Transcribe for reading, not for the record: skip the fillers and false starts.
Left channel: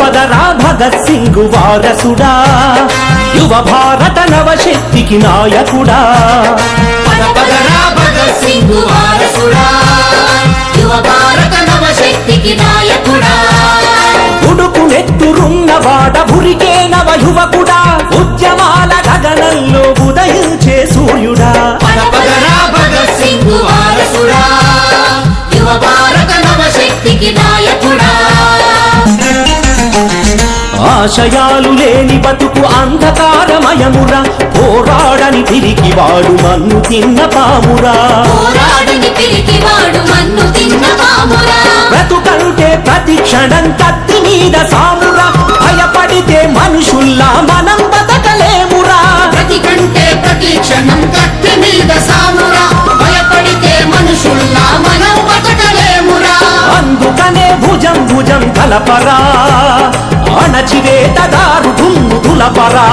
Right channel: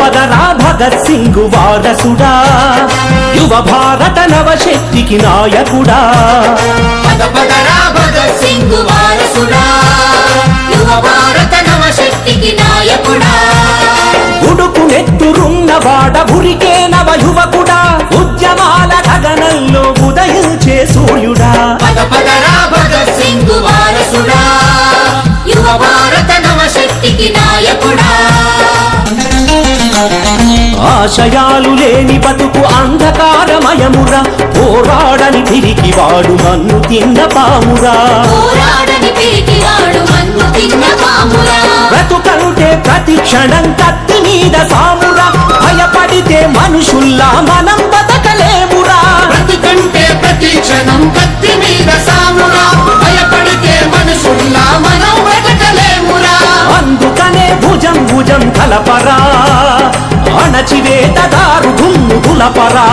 పదరా భగత్ సింగ్ వారసుడా, యువ భారత నవశక్తికి నాయకుడా. పదరా భగత్ సింగ్ వారసుడా, యువ భారత నవశక్తికి నాయకుడా. ఉడుకు నెత్తురున్నవాడ ఉరికే నవ యువకుడా, ఉద్యమాల గగనంలో ఉదయించే సూర్యుడా. పదరా భగత్ సింగ్ వారసుడా, యువ భారత నవశక్తికి నాయకుడా. ఆశయాలు లేని బతుకు అంధకారమయమురా, పోరాడని పిరికివాడు మన్ను తిన్న పామురా. బ్రతుకంటే ప్రతి క్షణం కత్తి మీద సామురా, భయపడితే మనుషుల్లా మనం బతకలేమురా. బ్రతికంటే ప్రతి క్షణం కత్తి మీద సామురా, భయపడితే మనుషుల్లా మనం బతకలేమురా. అందుకనే భుజం భుజం కలపరా, అణచివేతదారు దుమ్ము దులపరా.